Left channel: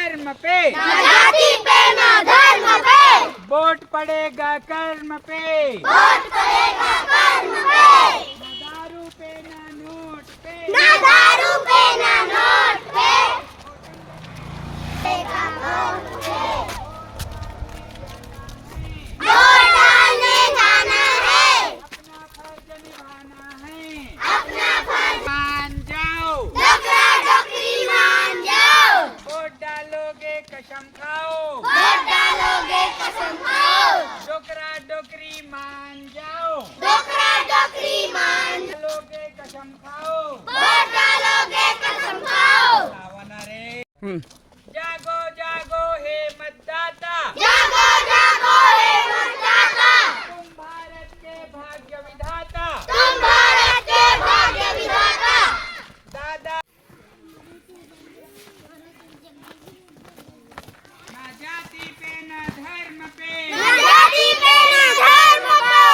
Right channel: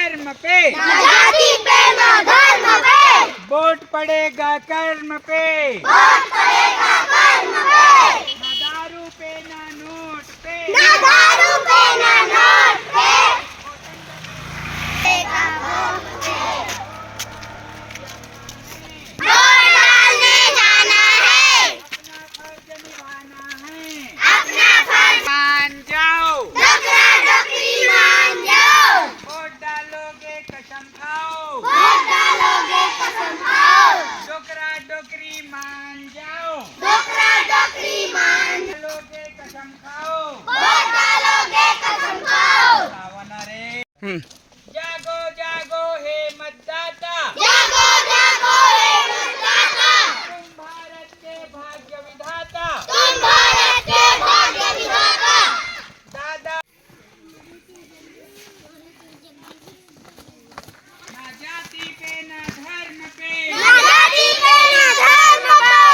धर्म पे, ना जाति पे ना धर्म पे, वोट पड़ेगा कर्म पे, वोट पड़ेगा कर्म पे, ना दारू पे ना नोट पे, ना दारू पे ना नोट पे, वोट डालने जाना है, अपना फर्ज निभाना है, अपना फर्ज मान जाओ, डोकरा डोकरी मान जाओ, वोट डालोगे कसम खाओ, वोट डालोगे कसम खाओ, डोकरा डोकरी मान जाओ, डोकरा डोकरी मान डालोगे कसम खाओ, वोट डालोगे कसम खाओ, सावन रे। जागो जागो हे मतदाता, जागो जागो हे मतदाता, तुम भारत के भाग्य विधाता, तुम भारत के भाग्य विधाता, दादा ना जाति पे ना धर्म पे, ना जाति पे ना धर्म पे,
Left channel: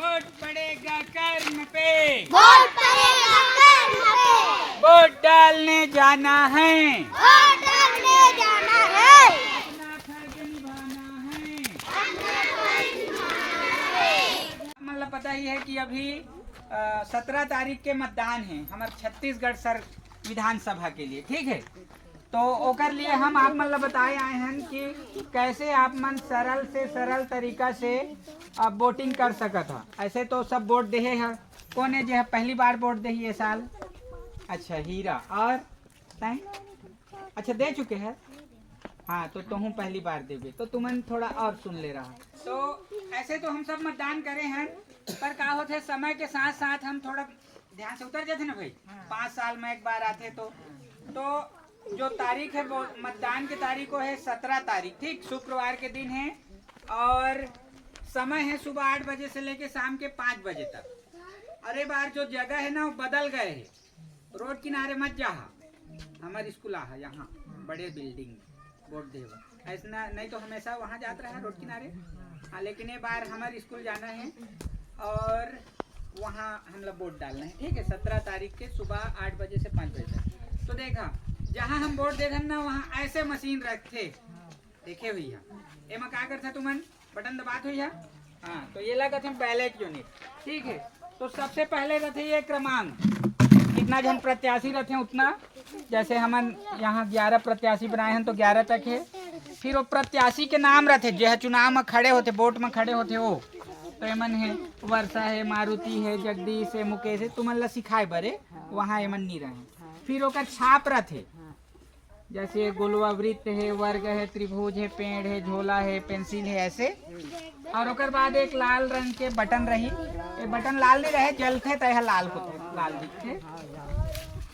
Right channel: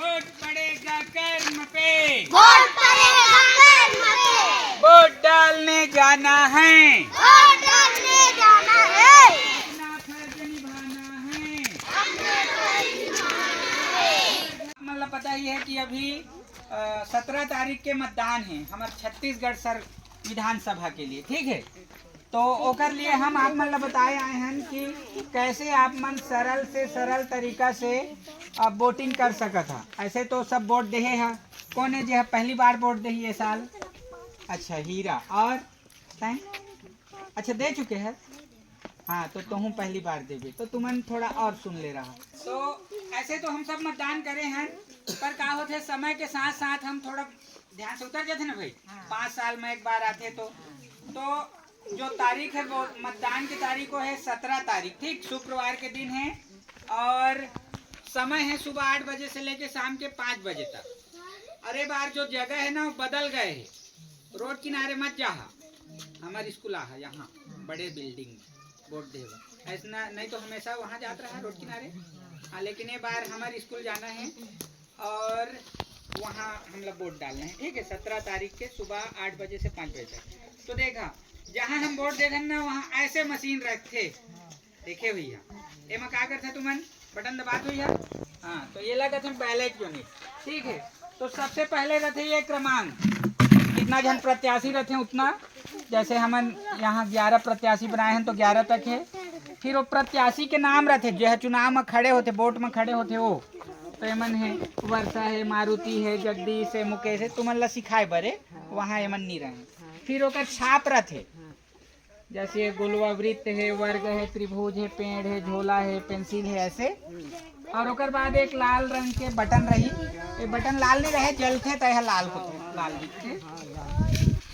वोट पड़ेगा कर्म पे, वोट पड़ेगा कर्म पे, वोट डालने जाना है, वोट डालने जाना है, अपना फर्ज निभाना है। मतलब पता ही है कि अभी 17 तारीख के मतदान है हमारे छत्तीसगढ़ सर विधानसभा के लिए, ठीक है। तो ओकर लिए हम आप मतलब बताए आए हैं कि कैसे आप मन सरल से सरल तरीका से वोटिंग कर सकत है। ऐसे तो सब वोट दे है, कौन है जो है पहली बार वोट दे ये साल? अच्छा हीरा, और तैं? अच्छा दे चुके हैं, हाँ तो तुम पहली बार देवे तो तुमन थोड़ा और सुन ले रहा। तो ऐसे तो हम सब मतदान करे हैं, पर का होते समय के साथ साथ हम थोड़ा ध्यान से उतर जाते ना भाई, 5 साल में एक बार आते तो जो तारीख है वो मतदान की तारीख को है 17 तारीख, ठीक, शुक्रवार के दिन है, और समय है सुबह 8 बजे से लेके शाम के 5 बजे तक। अरे बार जो जगह है ना वो बदल गए है, रोड किनारे मत जा, हमारे स्कूल आ यहाँ बड़े बिल्डिंग में वोट देवा, ऐसा नहीं तो हमेशा वहाँ जाता रहा रोड किनारे। हाँ लेकिन ये बार हमारे स्कूल जाना है और वहाँ हम लोग वोट डालना है, ठीक है, 17 तारीख के सुबह 8 बजे से 5 बजे तक। तो देखा जहाँ हम वोट दे ना वहाँ ऐसे मशीन रखे, देखे भैया एमा क्या करते तुमन बटन दबात हुई है, हाँ तो ये लगा थे बैलेट यूनिट, ठीक है। तो सबसे पहले रहते ये क्रमांक, कितना जन प्रत्याशी रहते हैं उतना, जैसे हम यहाँ 11 प्रत्याशी बनाए हैं तो 11 तक है। फिर वो प्रत्याशी के नाम रहते जो है चुनाव में खड़े होते, वोट में खड़े होते वो, तो एमन है वर्षा है, मारुति है, जगदीश है, मुकेश है, तुमन ला सिखाए बरे वहाँ एमन नहीं रहे। फिर ओकर छाप रहते, जैसे गोलवा वृत्त है, वर्ग है, त्रिभुज है, पेड़ है, झोला है, पेंसिल है, ऐसे। और ओकर बाद एक लाल रंग के बटन रही, ये बटन लाल नहीं रहे जलते तो यह लाल होते, लाल दिखते,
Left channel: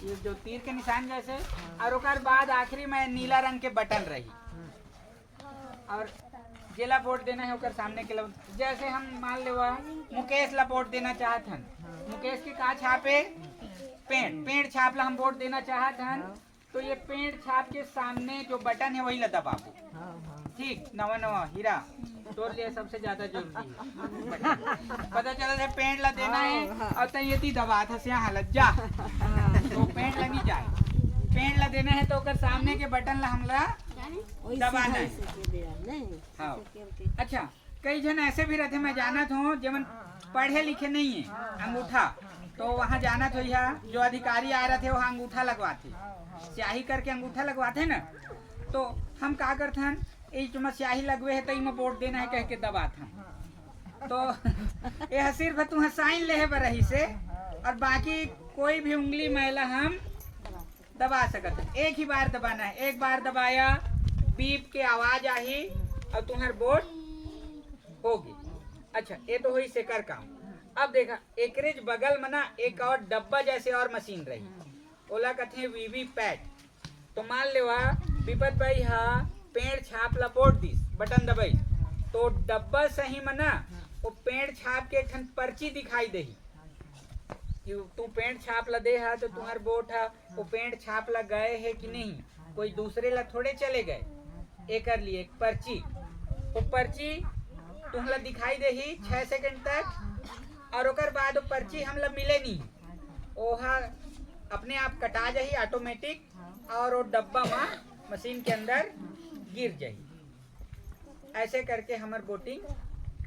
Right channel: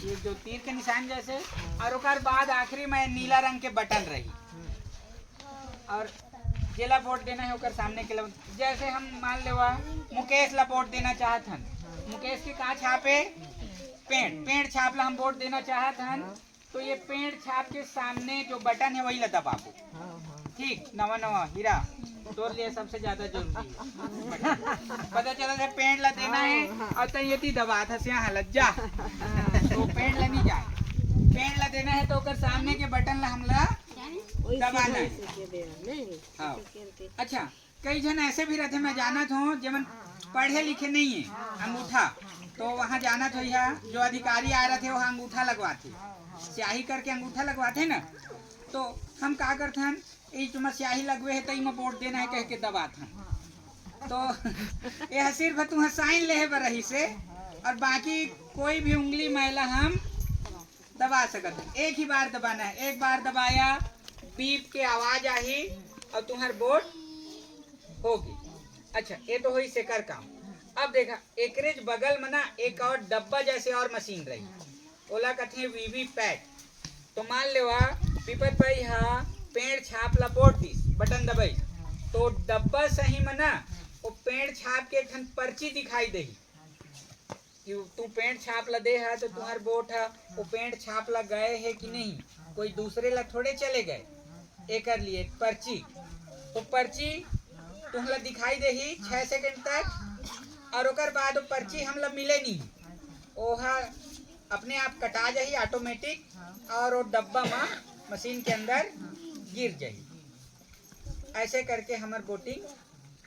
ये जो तीर के निशान जैसे। और ओकर बाद आखिरी में नीला रंग के बटन रही, और जेला वोट देना है ओकर सामने के लिए, जैसे हम मान लेवा मुकेश ला वोट देना चाहत हन, मुकेश के का छापे पेड़, पेड़ छाप ला हम वोट देना चाहत हन, तो ये पेड़ छाप के सामने जो बटन है वही ला दबाबो, ठीक। नवा नवा हीरा तोर लिए सबसे ज्यादा जरूरी है पता चला था पेड़ ला देना है और तो ये दबा था से हालत जा तो पेड़ ला नहीं जाए, पेड़ ला देना है तो ओकर सामने के बटन ला हमला दबाना है। हाँ अच्छा, कई जन ऐसे भी रहते, मैं जाना था जब पढ़े लिखे नहीं है, अंगूठा, तो वहाँ जाना तो यह जो अधिकारी आ रहे थे वहाँ अंगूठा लगवाते, स्याही करके अंगूठा लगवाते ना, तो हम क्या करते हैं तुम स्याही लगवे है तो इमा वोट देना है कह के दबाते हैं। तो यह सिर्फ तुम्हें साइन ले रही से, और बाकी कोई भी उंगली मैला हम दबा सकते हैं, एक ही बार दबाना है, एक बार दबाया बीप के आवाज आई और तुम्हार वोट होगी। अच्छा ये तो हुई सेकर काम। अब देखा एकरेज बगल में ना एक और डब्बा जैसे और मशीन रही, ओला कथे वीवी पैट। तो मान लेवा विपत भाई हाँ पेड़ छाप ला वोट दिस, बटन दबाई तो डब्बा सही में ना वो पेड़ छाप के एक पर्ची दिखाई दे कि तू पेड़ छाप ला दे है तो तुम्हारे वोट है, वो पेड़ छाप ला गए है कि नहीं, कोई दूसरे ला थोड़े चले गए, एक लिए पर्ची, वो पर्ची तुम्हला दिखाई दे ही 6 सेकंड तक, और ओकर बाद वो पर्ची हमला मिले नहीं, ओहा अपने आप कटा जाही ऑटोमेटिक, और वो डब्बा में मशीन के अंदर गिर जाई। ऐसे करके हमार वोटिंग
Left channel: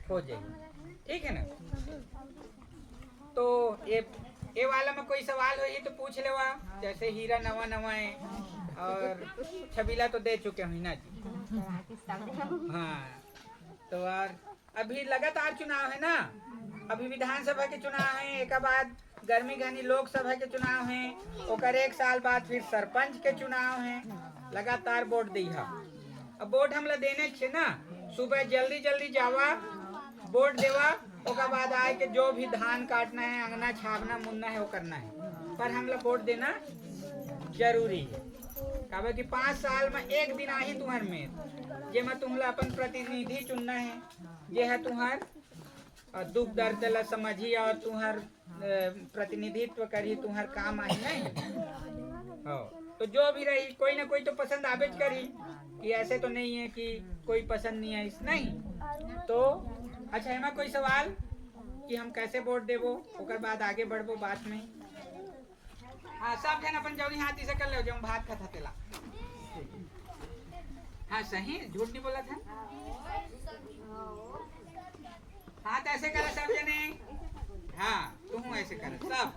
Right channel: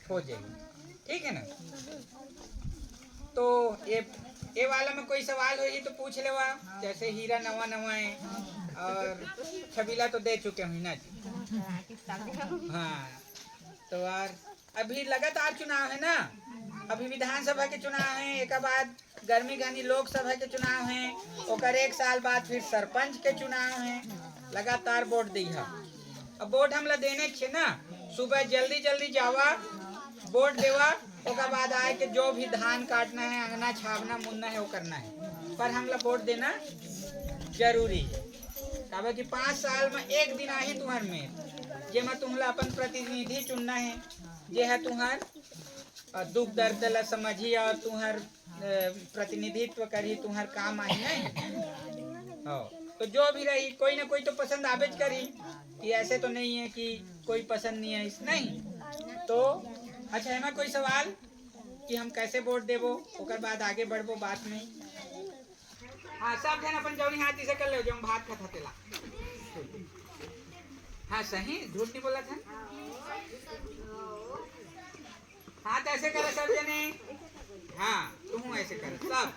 हो जाएगी, ठीक है ना। तो ये वाला में कोई सवाल हो तो पूछ लेवा। जैसे हीरा नवा नवा है और छबीला तो दे चुके हैं ना जी। हाँ, तो और अभी लगातार चुनाव है ना। अभी विधानसभा के चुनाव है, एक बाद गर्मी घनी लोकसभा के चुनाव है, और 1 साल बाद फिर सरपंच के चुनाव है। लगातार वोट दी है। अब वोट हमला देने छे ना, सुबह जल्दी जल्दी जावा वोट देवा, ओकर बाद आए के जो भी धान काटना है, अंगना छापना मुन्ना है वो करना है, पर हमला वोट देना जरूरी है। काहे कि 5 साल में एक दिन आही तुम्हार में जेमा तुम्हला अपन प्रतिनिधि चुनना है, जे है तुम्हार दुख दर्द ला समझी और तुम्हार प्रतिनिधित्व करी, तुम्हार काम आई नहीं हो। तो जो भी रही कोई ना कोई तो पसंद आवेज करी, कि ऐसे तो नहीं है कि कोई पसंद नहीं है, इस नहीं। तो अच्छा है ना कोई सवाल कि हम कैसे वोट देबो, ओकर बाद आगे बढ़बो बात में। हाँ, सब जन अपन जौनी हाथी से कर ले, जो भात खाता तेला। हाँ सही, झूठ नहीं बोला था। हाथ ऐसे करे सब जने। हाँ, तुम ऐसे कर सब।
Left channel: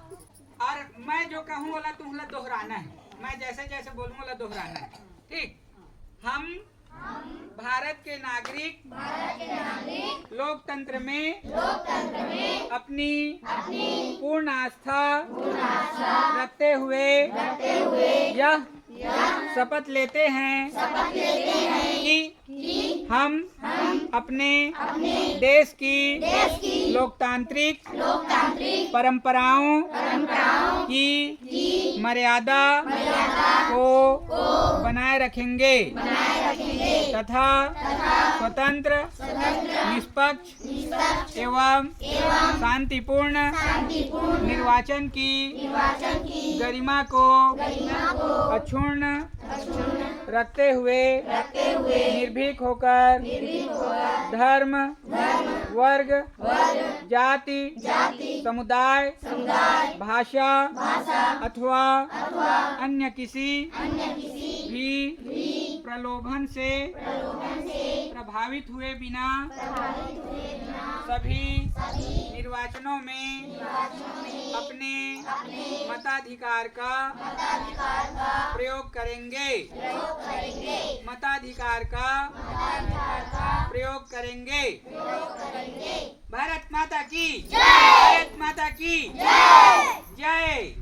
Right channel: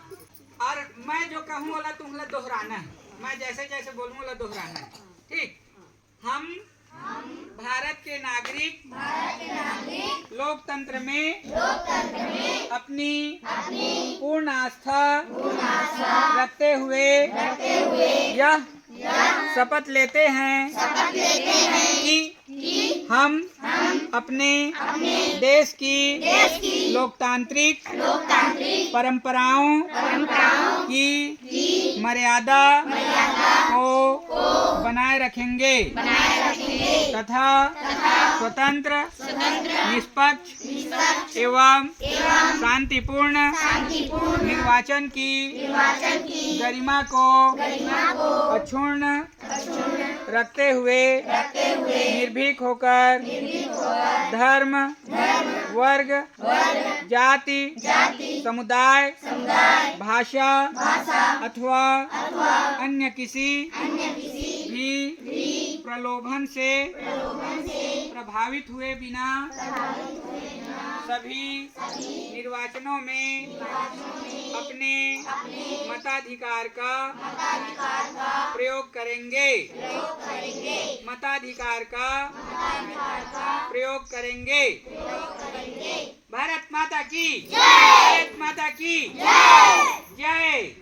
और मैं जो कहूँ वाला तुम्हें दोहराना है, मैं जैसे जैसे बोलूँ वाला दोहराना है, ठीक। हम भारत के नागरिक लोकतंत्र में अपनी पूर्ण आस्था रखते हुए यह शपथ लेते हैं कि हम अपने देश की लोकतांत्रिक परंपराओं की मर्यादा को बनाए रखेंगे तथा स्वतंत्र, निष्पक्ष एवं शांतिपूर्ण निर्वाचन की गरिमा को अक्षुण्ण रखते हुए निर्भीक होकर धर्म, वर्ग, जाति, समुदाय, भाषा अथवा अन्य किसी भी प्रलोभन से प्रभावित हुए बिना सभी निर्वाचनों में अपने मताधिकार का प्रयोग करेंगे। मताधिकार का प्रयोग करेंगे। भारत माता की, भारत माता की जय।